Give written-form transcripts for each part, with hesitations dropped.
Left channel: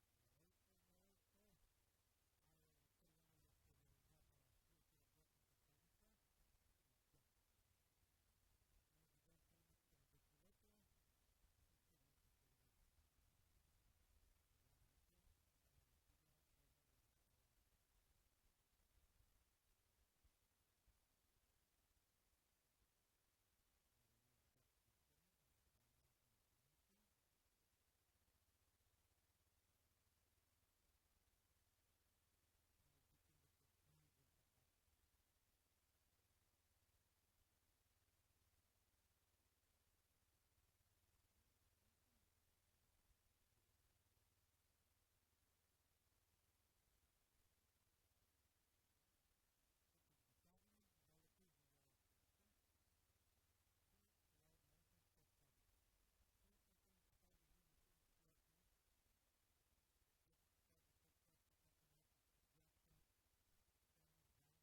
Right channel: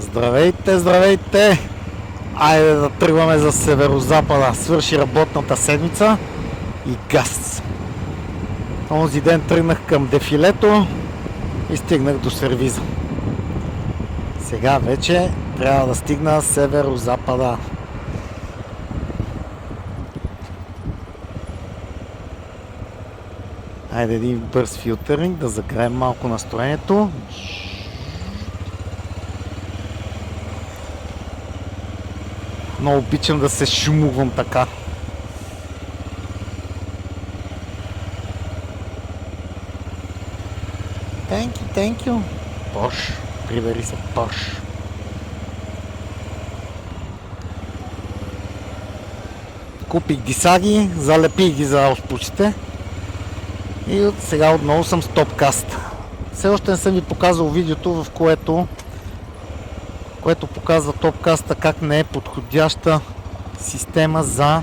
Здравейте, здравейте! Айде да тръгваме за северозапада. Свърши работната седмица и газ. Онзи ден тръгнах към дефилето и стигнах до сервиза. Сега вече трябва да стигна северозапада. Айде един бърз филтъринг, да загреем малко настроението. Много обичам да се шумувам така. Thank you. Порш. Прибери се, Порш. Купих дисаги, залепих ги за ауспучите. И сега отново съм с топкаст. Все още не съм ви показал видеото, в което показва топкаста как не е подходяща система за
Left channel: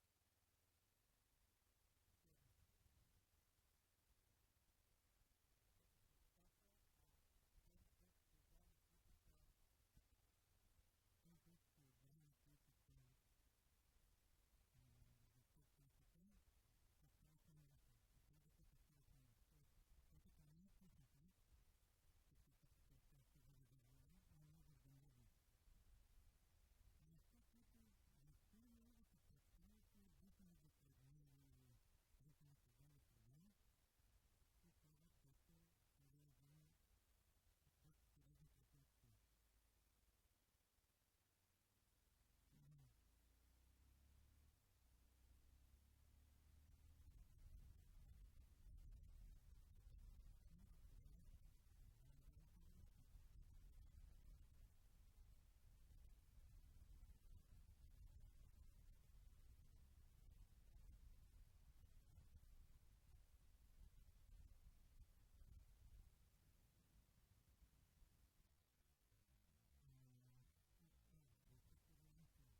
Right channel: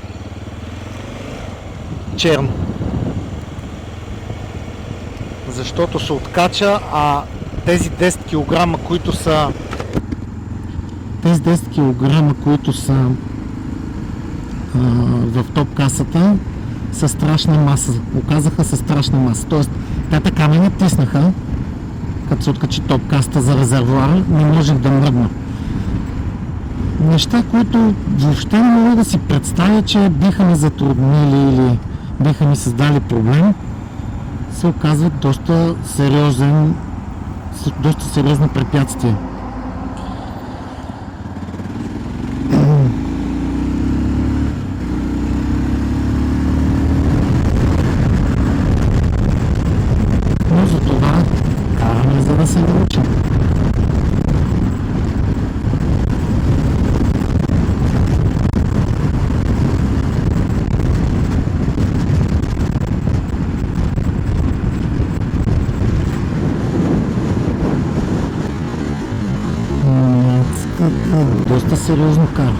черно. Защото се откача, а тези 10 кг, които са в топкасата, са страшна маса. Оказаха се страшна маса. Тоест, те така ме натиснаха, като се откачи топкаста за резервуара, не можех да мръдна. Неща, които въобще не мога да си представя, че биха ми затруднили или биха ми създали проблем, се оказват доста сериозно препятствие. Но за това караме, за да се научим. Доста сериозно кара.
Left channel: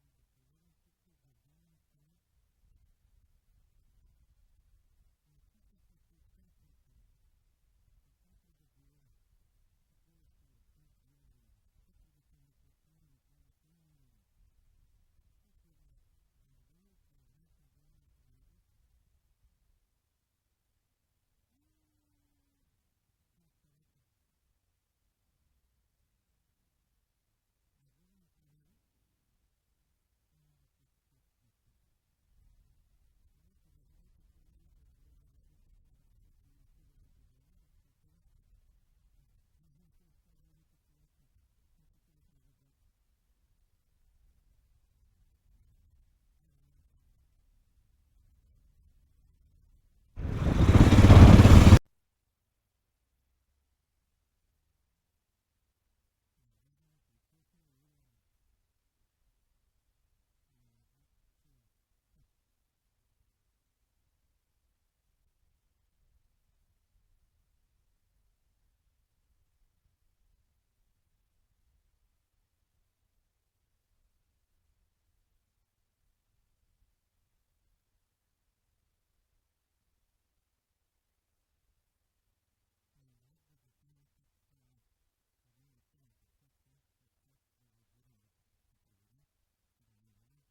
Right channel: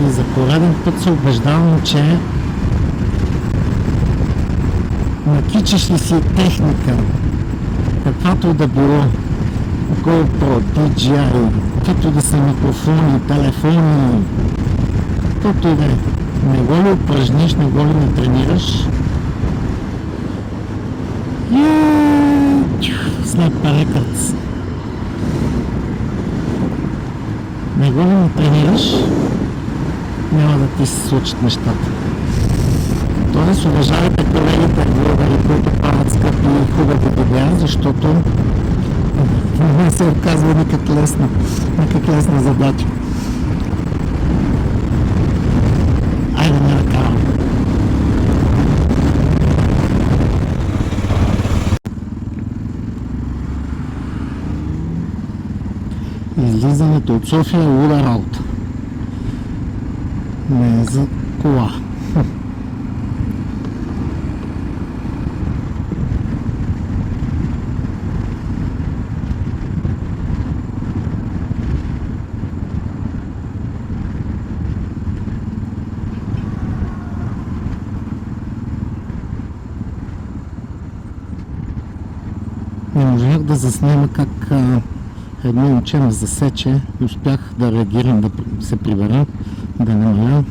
И за пореден път се убеждавам, че накичаш ли си техника, каквато и да било, GoPro, DJI, каквито да са микрофони, телефони, каквото и да е. Не го ли упражниш, не го ли не тренираш, Sniper Records. Не го ли не тренираш, няма да ти се случат нещата. Тоест, уважавайте колегите блогъри, които правят скъпи и хубави видеа, защото не се оказва никак лесна задача. Айде не накарам. Излизането от София е луда работа. Не е за кола. Не можах да заснема как едно момче ме засече и успях да реагирам, да се прибера, да намаля.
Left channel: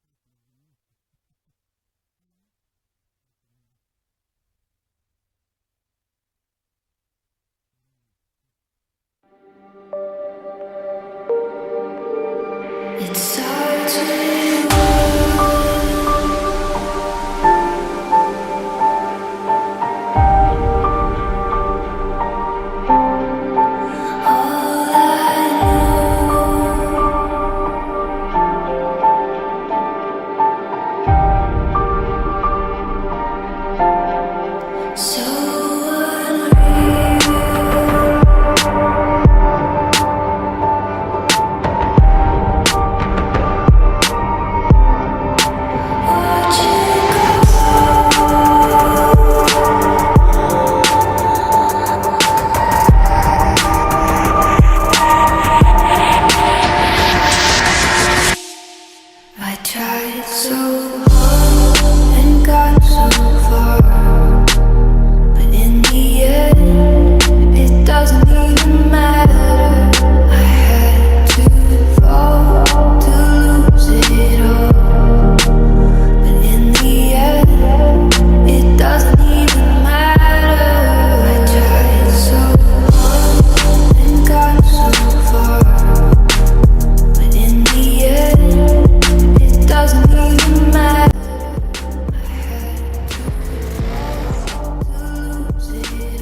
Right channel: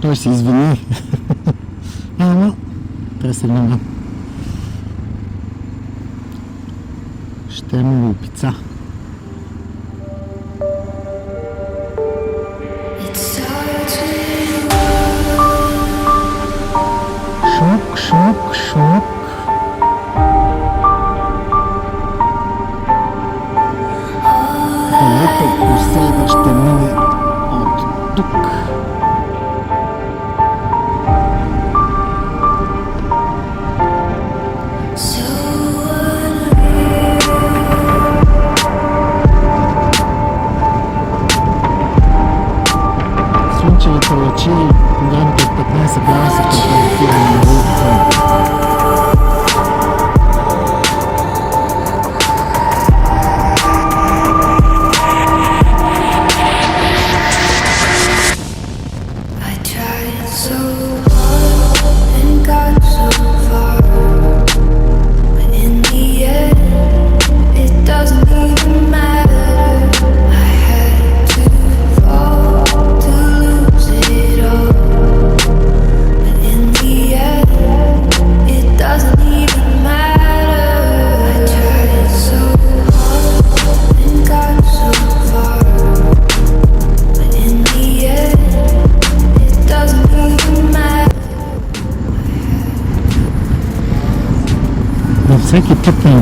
Той се извини. Ама, трябва да се внимава. Ще му опица. Шок. tried so hard.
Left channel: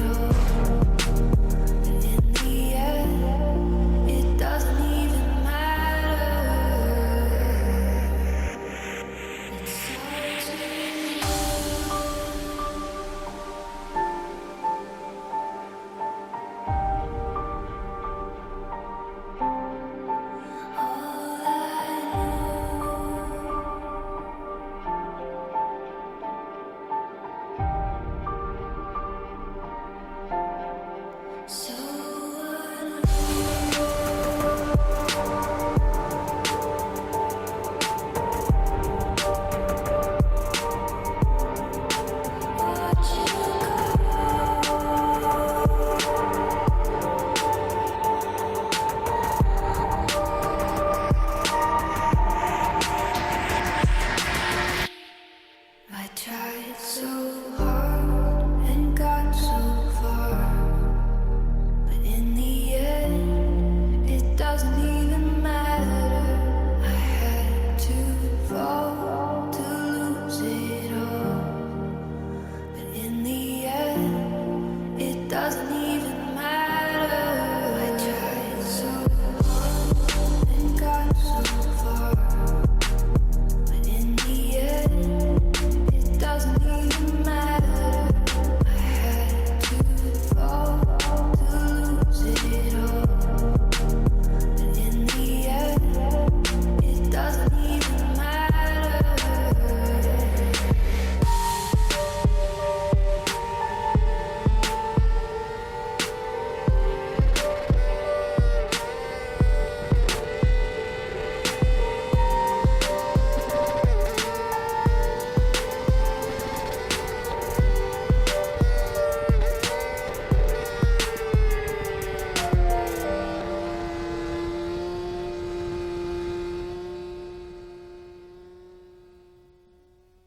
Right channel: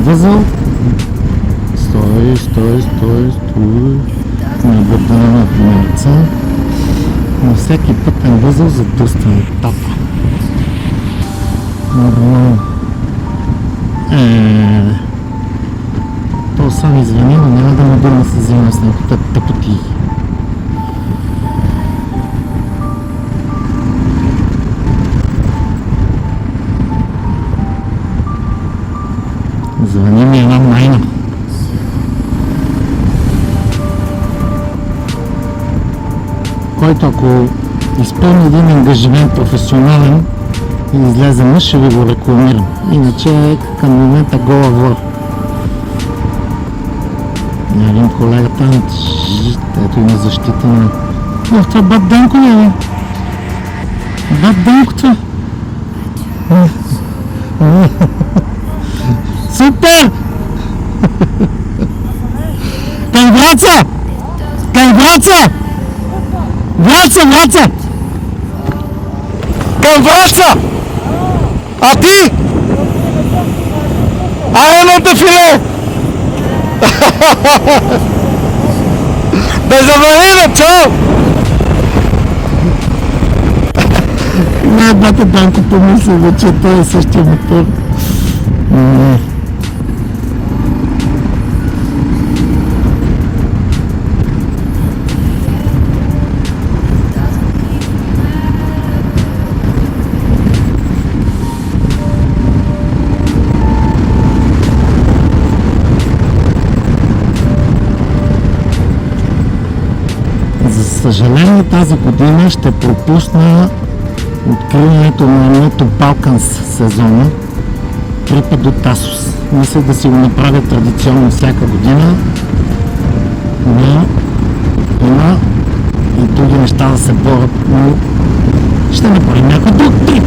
възел. Стой. Не бърдаме на примерца. На всеки пътен възел задръстваме етап. То сам извини, но няма да ме дърна се взима с него тъпоти. Звъни ми една майна. Който ако изпълни един ангажимент професионален и излезе мъж, ще ви го рекламирам. Иначе към момента гола вор. Един колега там, ето има защита на... Това бат Денко ли е? Бат Денко това? Супер! Към Враца! Към Враца! Враца! Към Враца! А ти? Едно дефиле! Безаварийно, чао! Не, бата Данко помисля, че той е същия мотор. За съжаление тази година ще пропусна откриването на едното Балканс сезона Трипа до Тасос. Мисля да си го направя традиционно всяка година, но има и други неща да се борят, но ще направим някой друг трип.